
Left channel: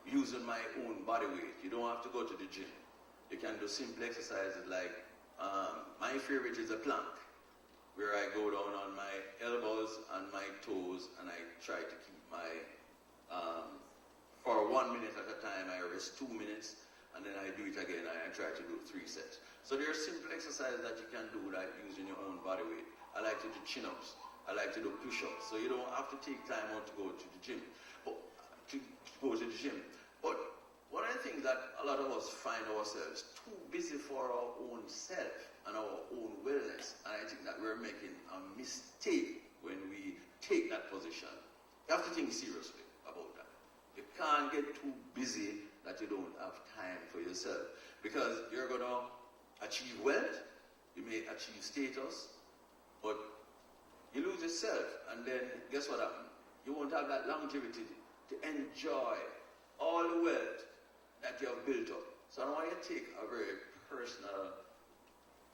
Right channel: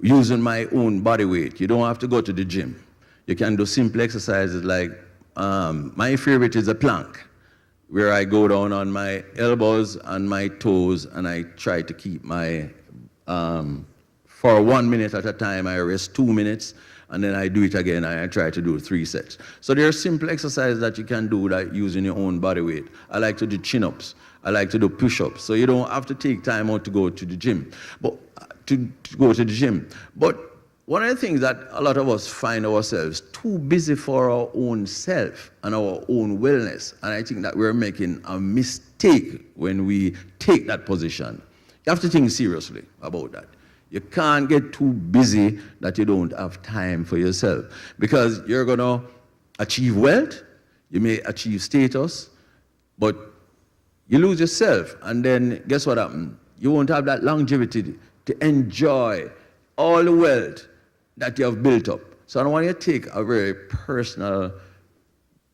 using my own body weight. You don't have to go to the gym. You can do simple exercises like, my favorite is a plank, where I go down on my elbows and my toes, and I try to keep my, for 1 minute at a time, I rest 2 minutes, and then I do it again, and I try to do 3 sets. So there are simple exercises that you can do that using your own body weight. I like to do chin-ups. I like to do push-ups. So you don't have to take time out to go to the gym. But But one of the things that a lot of us find ourselves too busy for our own self and our own wellness. And I think that we're making a mistake when we take that position. You have to think seriously about that. You can't get too busy that you don't have time for yourself, because you're going to achieve wealth, you may achieve status, but you lose yourself, and then guess what happens? You won't have that longevity to enjoy all the wealth that you have built up. So I want you to take a very personal,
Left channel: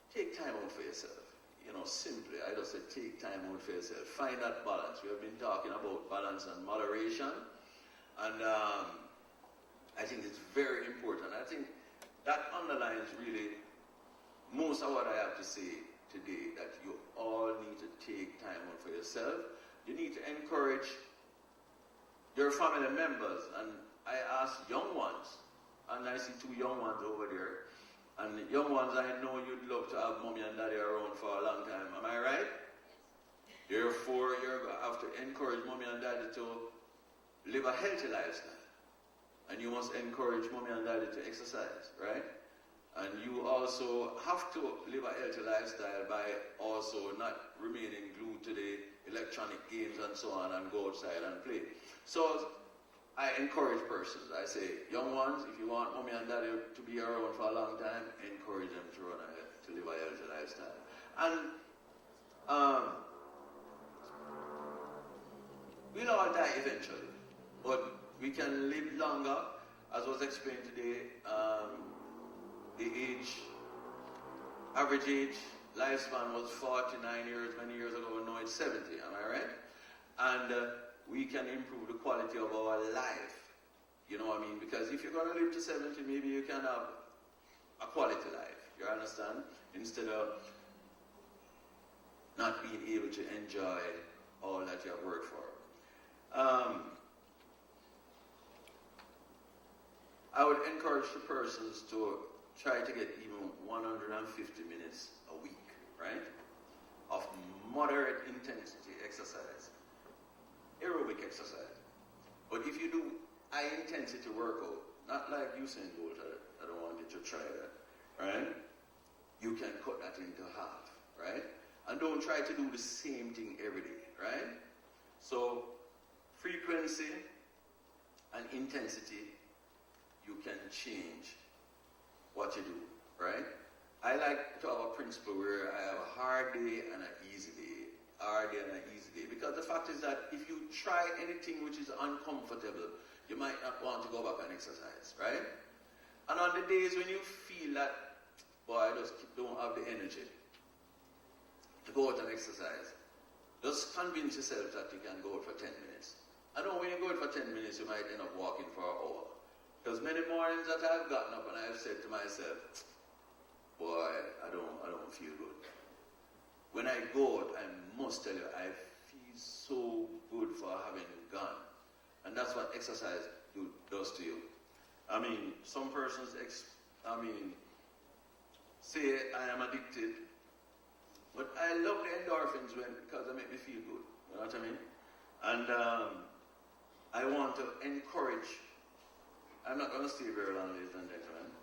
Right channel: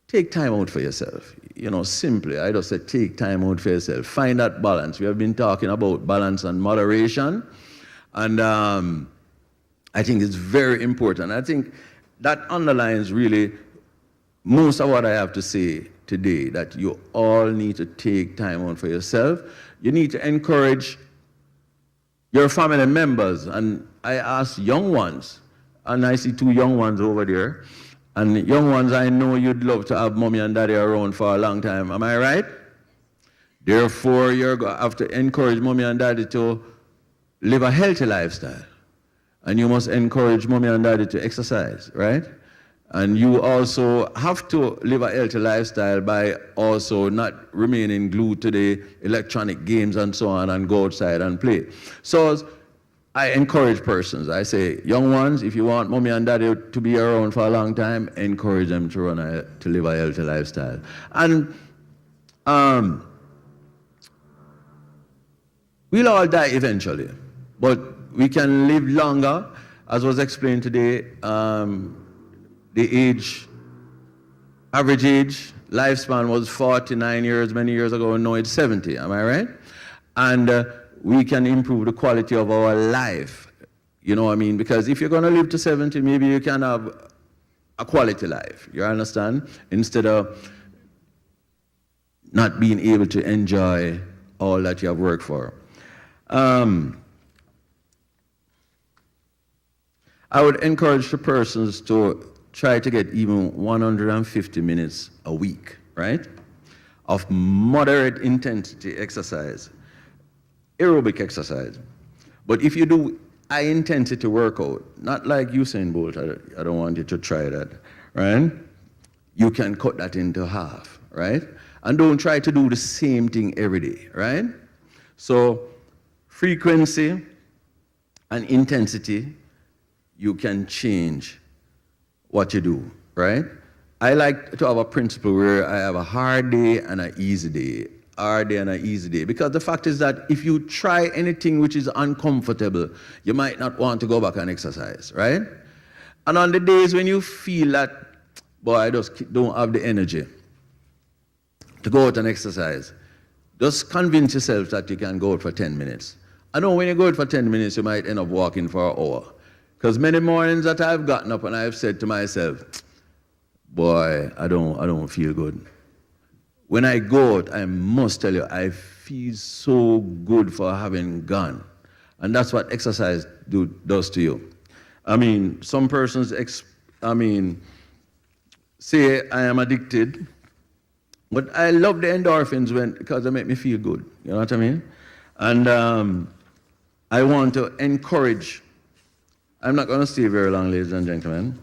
take time out for yourself. Simply, I just say take time out for yourself. Find that balance. We have been talking about balance and moderation. And I think it's very important. I think that underlines really most of what I have to say today, that you all need to take time out for yourself. You need to encourage your family members. And I ask young ones, and I see 2 young ones over there, and young ones, I know you'd love to have mommy and daddy around for a long time. Am I right? Therefore, you're going to have to encourage mommy and daddy to live a healthy lifestyle. And you must encourage mommy and daddy to exercise, right? And you also have to live a healthy lifestyle by also not remaining glued to the electronic games and so on, and go outside and play. So I encourage persons. I say, young ones, if you want mommy and daddy to be around for a long time, encourage them to live a healthy lifestyle. And we'll all die eventually, but we can live longer. As was explained today, the average age, lifespan was 49 years many years ago, and now it's 70, am I right? And we can improve the quality of our life, you know what I mean? Because if you're gonna live to 70, maybe you can have a quality life, you understand? Instead of not being able to enjoy all that you have worked for. I would encourage the persons to try to get even 150 minutes a week, right, of moderate intensity exercise, aerobic exercise. But if you do high intensity workout, not like Usain Bolt, I don't want you to try that, right? You can cut that into half, right? And don't try to do the same thing every day, right? So frequency and intensity, you can change what you do, right? I like to have a principle where I have a hard day and an easy day, hard day and an easy day. Because the fact is that if you try anything which is uncomfortable, you might not want to go back and exercise, right? And on the days when you feel that, boy, I just don't have the energy to go out and exercise, just convince yourself that you can go out for 10 minutes. I know when you go out for 10 minutes, you might end up walking for an hour. Because many mornings that I've gotten up and I've said to myself, boy, I don't feel good. When I go out, I must tell you, I feel so good for having gone. And that's what exercise does to you. I mean, some persons, say I am addicted, but I love the endorphins because they make me feel good. You know what I mean? And I want to encourage, I'm not going to stay very long, ladies and gentlemen.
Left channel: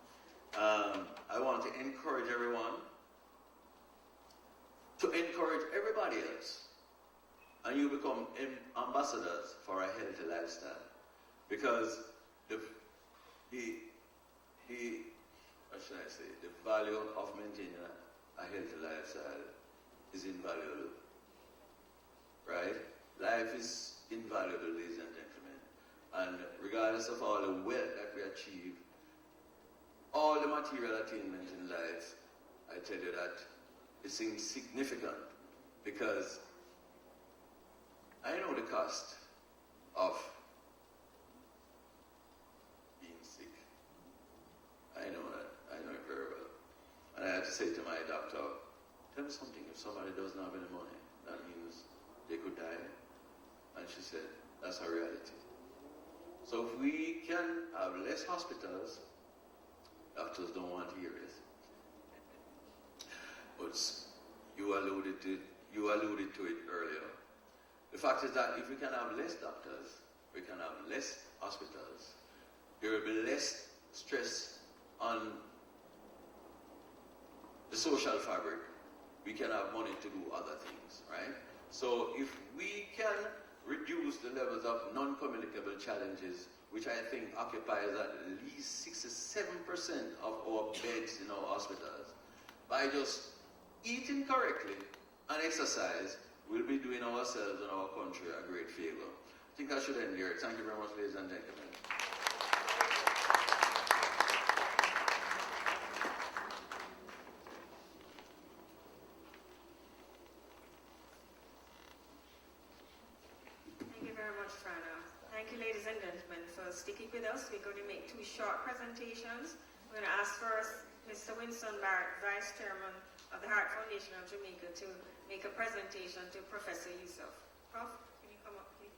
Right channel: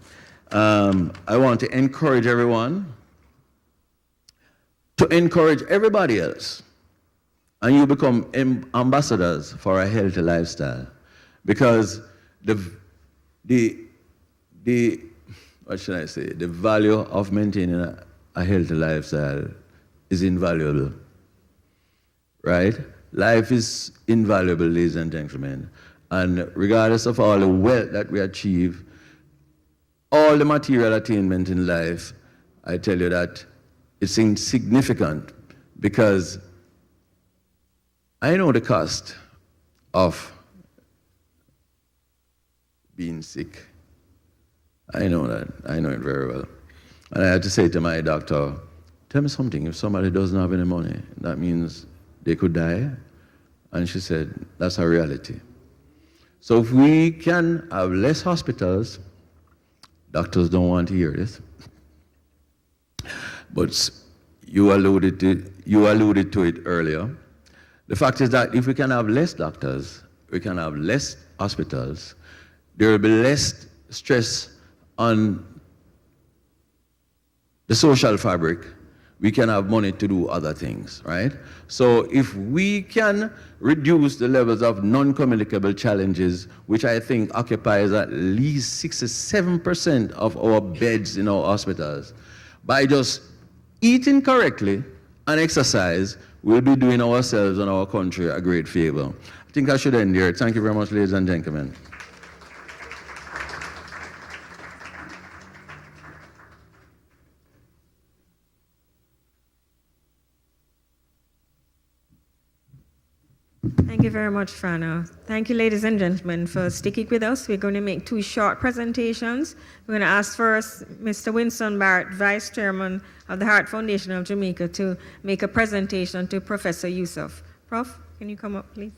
I want to encourage everyone to encourage everybody else. And you become ambassadors for a healthy lifestyle. Because the what should I say? The value of maintaining a healthy lifestyle is invaluable. Right? Life is invaluable, ladies and gentlemen. And regardless of all the wealth that we achieve, all the material attainment in life, I tell you that it's insignificant because I know the cost of being sick. I know that. I know it very well. And I had to say to my doctor, tell me something, if somebody doesn't have any money, that means they could die? And she said, that's a reality. So if we can have less hospitals, doctors don't want to hear this, but you alluded to it earlier. The fact is that if we can have less doctors, we can have less hospitals, there will be less stress on the social fabric, we can have money to do other things, right? So if we can reduce the levels of non-communicable challenges, which I think occupies at least 67% of our beds in our hospitals, by just eating correctly and exercise, we'll be doing ourselves and our country a great favor. I think I should end here. Thank you very much, ladies and gentlemen. Thank you very much, Frano. Thank you, ladies and gentlemen, for sticking with us. We're going to make two short presentations. We're going to ask first Mr. Winston Barrett, Vice Chairman of the Heart Foundation of Jamaica, to make a presentation to Professor Yusuf. Prof, can you come up, please?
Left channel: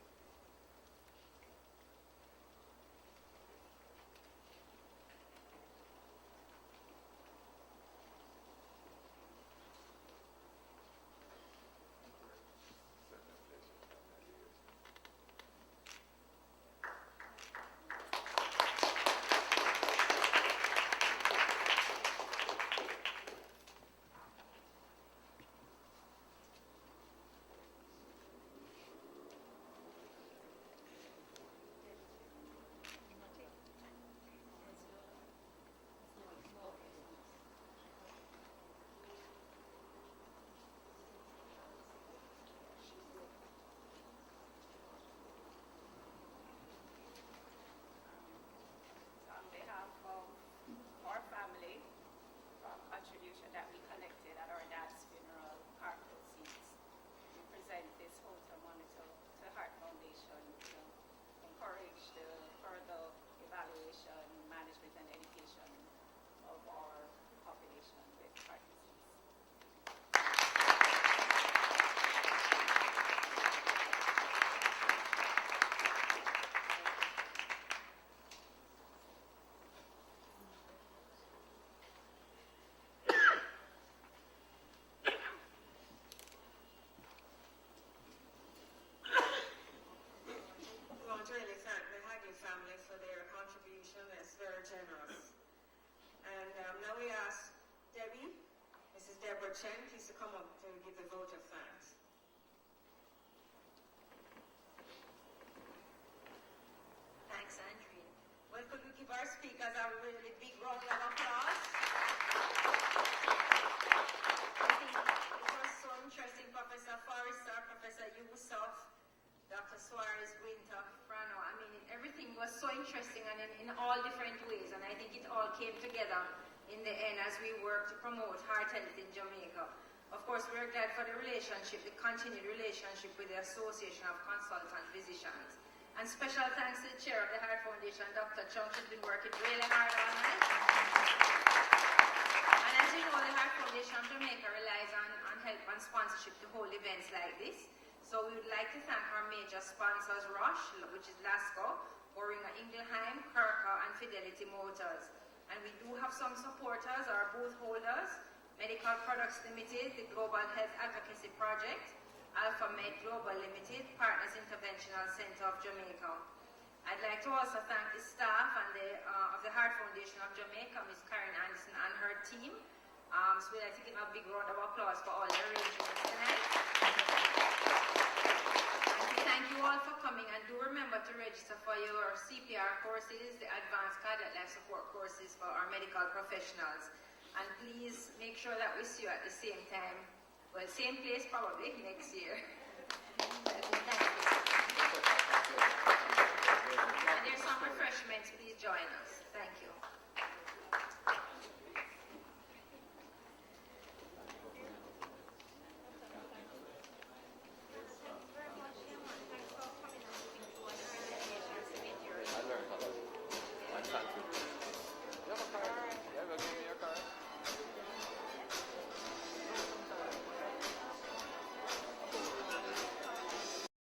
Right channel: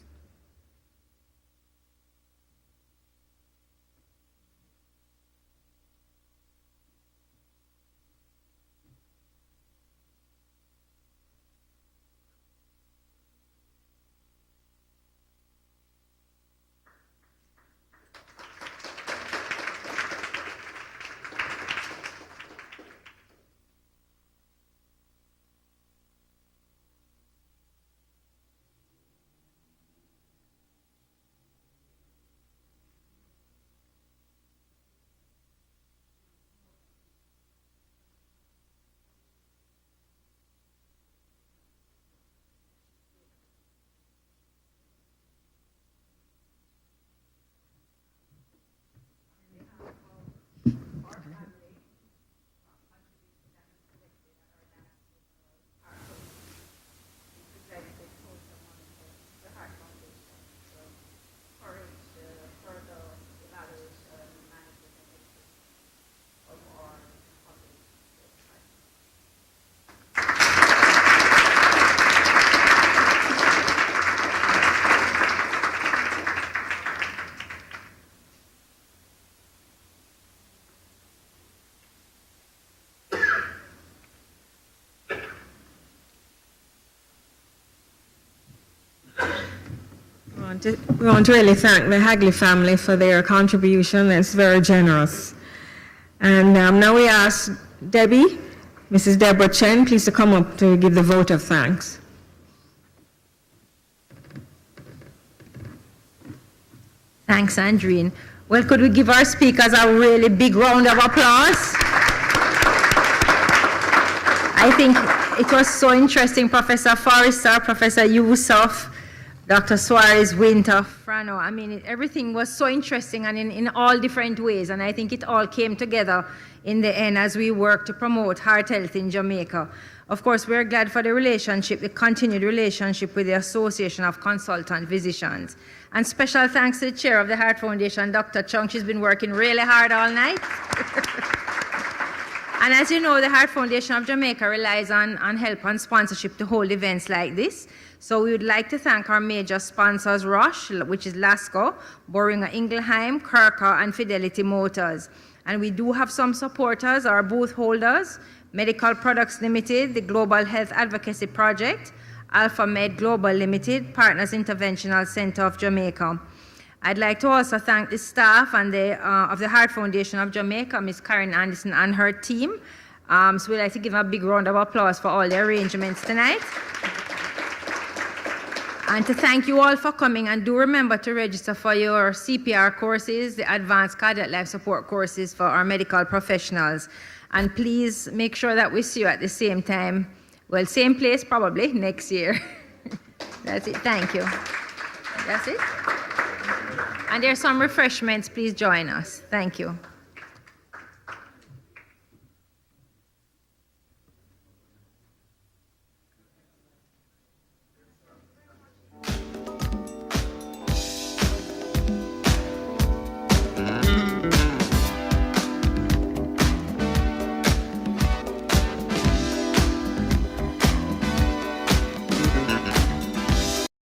We want to really thank the Hagley family for their contribution. It's very generous. And now we ask Debbie, Mrs. Deborah Chen, please to come up to give the vote of thanks. Thanks, Andreen. Well, could we give our speakers a really big round of applause? I think it was so interesting, Professor Forrester, Professor Yusuf, Dr. Soares, Wynter, Frano. I mean, everything was so interesting and in all different ways, and I think it all came together in the end as we work to promote heart health in Jamaica. Of course, we're glad for the relationship, the continued relationship with the Association of Consultant Physicians. And special thanks to the chair of the Heart Foundation, Dr. Chung. She's been working really hard all night. And as you know, the Heart Foundation of Jamaica relies on help and sponsorship to hold events like this. So we would like to thank our major sponsors, Roche, which is Lasco, Boehringer Ingelheim, Kirker, and Fidelity Motors. And we do have some supporters, our booth holders, Medical Products Limited, the Global Health Advocacy Project, Alpha Med Global Limited, Partners Interventional Center of Jamaica. I'd like to also thank the staff and of the Heart Foundation of Jamaica, Ms. Karen Anderson and her team. So we'd like to give a big round of applause for all the arrangements tonight. And to thank you all for coming, and do remember to register for your CPR courses, the Advanced Cardiac Life Support courses for our medical professionals. And please make sure that we see you at the same time, well, same place probably next year. That's it, thank you. That's it. And there's some refreshments, please join us. Thank you.